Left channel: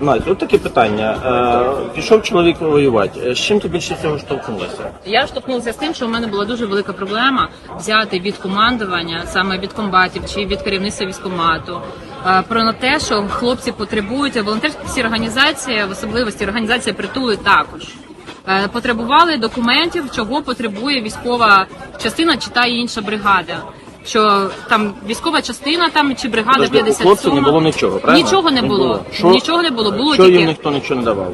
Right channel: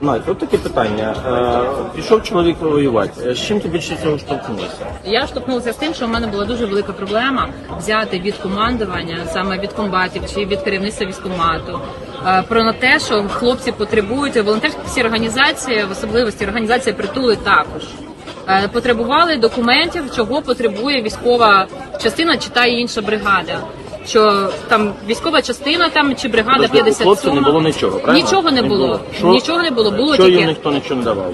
Надя, от таке питання. Е, Пішов чоловік воювати. З чим ти більше цього штовхнулася? Я штовхнулася з тим, що в мене була дуже велика проблема взяти від командування, саме від комбатів чи від керівництва військкомату. е, Про те, що хлопці потребують волонтерські організації, в особливості організація притули також е, потребували документів, чого потребує військова частина чи та інша бригада. Що там військова частина там чи бригада Тобто 57 не було нічого, правильно? Нічого не було. Що- Нічого не було. Було Що їм тільки ніхто нічого не давав?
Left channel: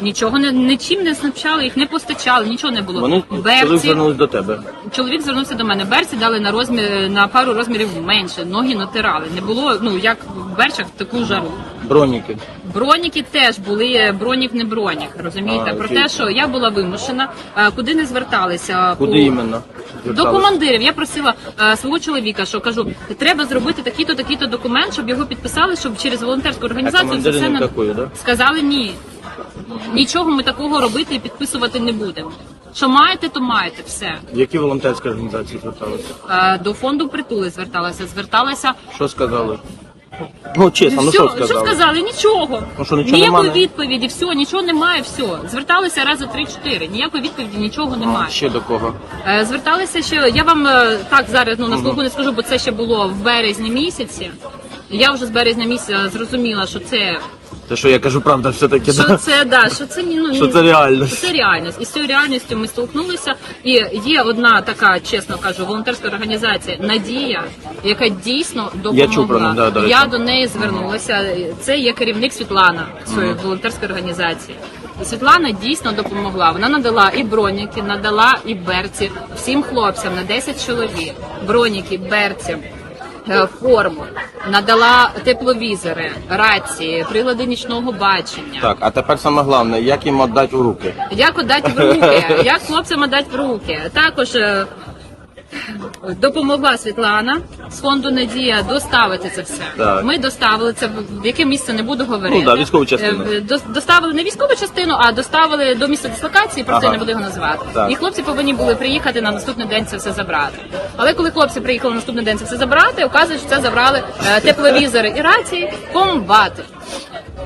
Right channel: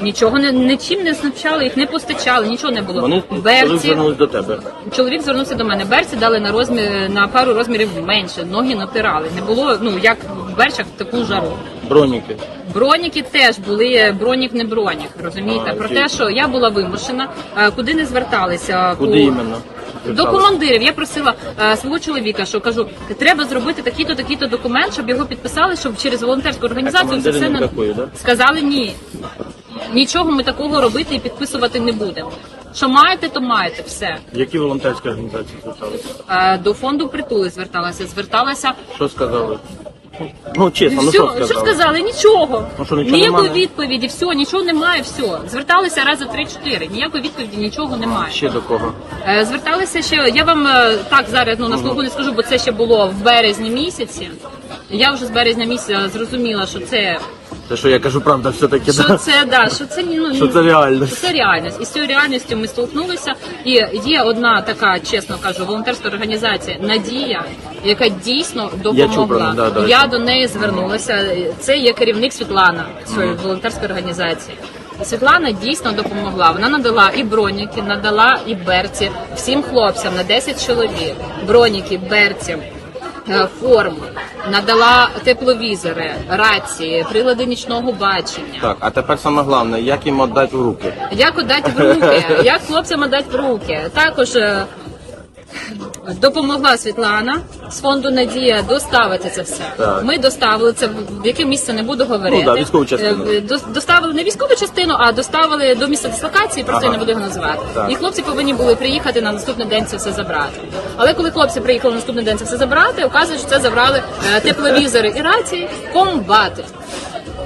нічого не нічим не снабчали, їх не постачали, нічого не було. Вони Берці звернувся до тебе. чоловік звернувся до мене. Берці дали на розмір на пару розмірів менше. Ноги натирали. Не було ну як в берчах в таку жару. Броніки. Броніки теж були бронік, не бронік. Розумієте? А, Про окей. те, що я була вимушена, е, куди не зверталися Куди по іменно? До командирів. Я просила е, свого чоловіка, що кажу, треба зробити такий-то, такий-то документ, щоб його підписали, щоб через волонтерську організацію це все да? сказали ні. Нічого ми такого робити і підписувати не будемо. Що маєте, то маєте все. Які волонтерські організації зверталися? Е, До фонду притули зверталася. Зверталася. Що сказали? Ну, чесно, ну, Все, що сказали? Нічого. Ну, що, нічого Ніякої немає? відповіді, все, нічого немає, все. Зверталися рази три-чотири. Ніякої відповіді, нічого немає. Ще до кого? Е, Зверталися ще. Я вам е, так зараз ну на слуху не скажу, бо це ще було в березні місяці. Я вже з березня місяця зрозуміла, що це Те, що я кажу, правда, все-таки. що це да, що це ну Що це реальність. що це реальність. І з цією реальністю ми столкнулися. І є одна така, чесно кажу, волонтерська організація Надія, яка дійсно допомогла. Я чув, да, да. Я до неї звернулася. Це є керівник Світлана цієї волонтерської організації. І Світлана дійсно допомогла. Вона надала і броніки, надала і берці всім хлопцям на 10 чоловік. Броніки, берці. е, Форму надала тепловізори, рації, прилади нічного бачення. Так, а тепер саме головне, як їм віддати в руки? Як отдати в руки? Як хлопцям отдати в руки? Також е, допомогла Світлана з фонду Надія доставити це все. Так. Ми доставили це в яке місце не буду говорити. Ну да, військову частину. Е, до- Доставили не військову частину, а доставили до місця дислокації. Просто я не буду його називати. Так. І хлопці повинні були приїхати на наступний день це все забрати. Але коли хлопці приїхали на наступний день це все забрати, оказує, що це забрали е, тепловізори і рації комбати.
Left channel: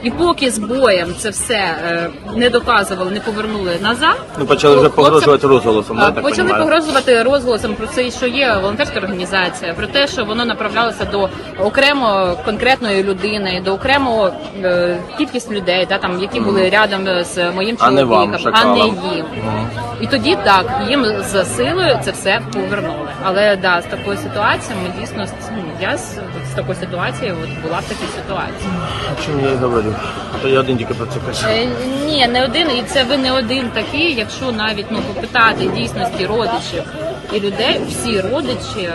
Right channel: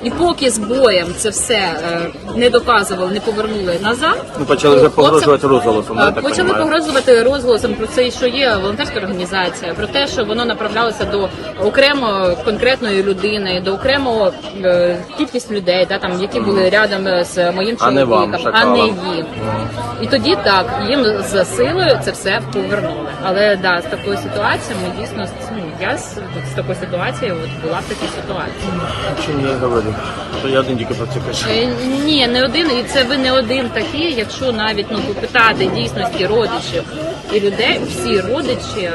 І поки з боєм це все е, не доказували, не повернули назад. Ми почали погрозувати вже погрожувати розголосом, е, Почали погрозувати погрожувати розголосом про це, що є волонтерська організація, про те, що воно направлялося до окремо конкретної людини, до окремо е, кількість людей, да, там які були рядом з моїм чоловіком, а не їм. І тоді так їм з силою це все повернули. Але да, з такою ситуацією ми дійсно ну я з, з такою ситуацією от була в такій ситуації. Чому я говорю? Я один тільки про це кажу. Е, Ні, не один, і це ви не один такий. Якщо навіть ну попитати дійсності родичів і людей, всі родичі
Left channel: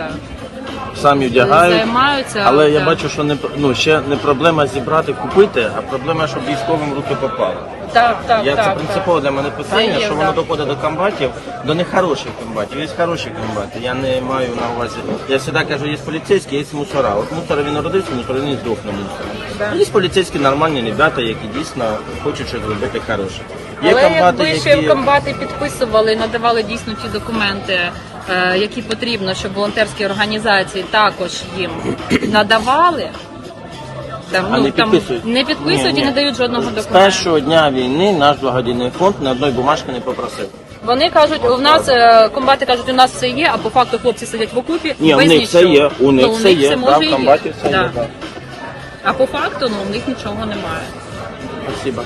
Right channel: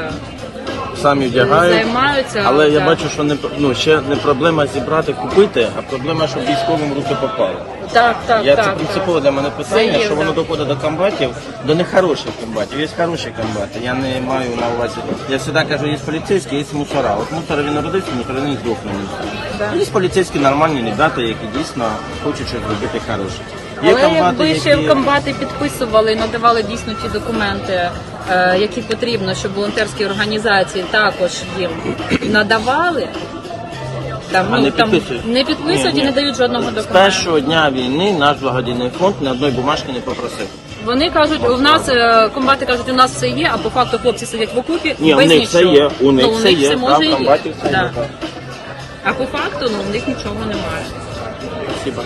Самі вдягають. займаються. Але я бачу, що не ну ще не проблема зібрати, купити, а проблема, щоб військовим руки попало. Так, так, Я так. це принципово для мене питання, Це є, що воно доходить до комбатів, до нехороших комбатів. Є хороші комбати. Я не маю на увазі. Я завжди кажу, є поліцейські, є мусора. От мусора він народився, мусора він і здохне мусора. А є поліцейські нормальні ребята, які дійсно хочуть щось робити хороше. Є комбати, якби ще які комбати підписували і надавали дійсно ті документи, е, які потрібно, щоб волонтерські організації також їм надавали. Там, ну, не там підписують. не підписують Ні, і ні. не дають жодного з документу. першого дня війни наш благодійний фонд ні одної бумажки не попросив. Вони кажуть, у нас е, комбати кажуть, у нас все є, а по факту хлопці сидять в окупі Ні, у без них все нічого. є, у них ну, у все них є, все може і є. все Да. А по факту ну, у них нічого немає. Спасибо.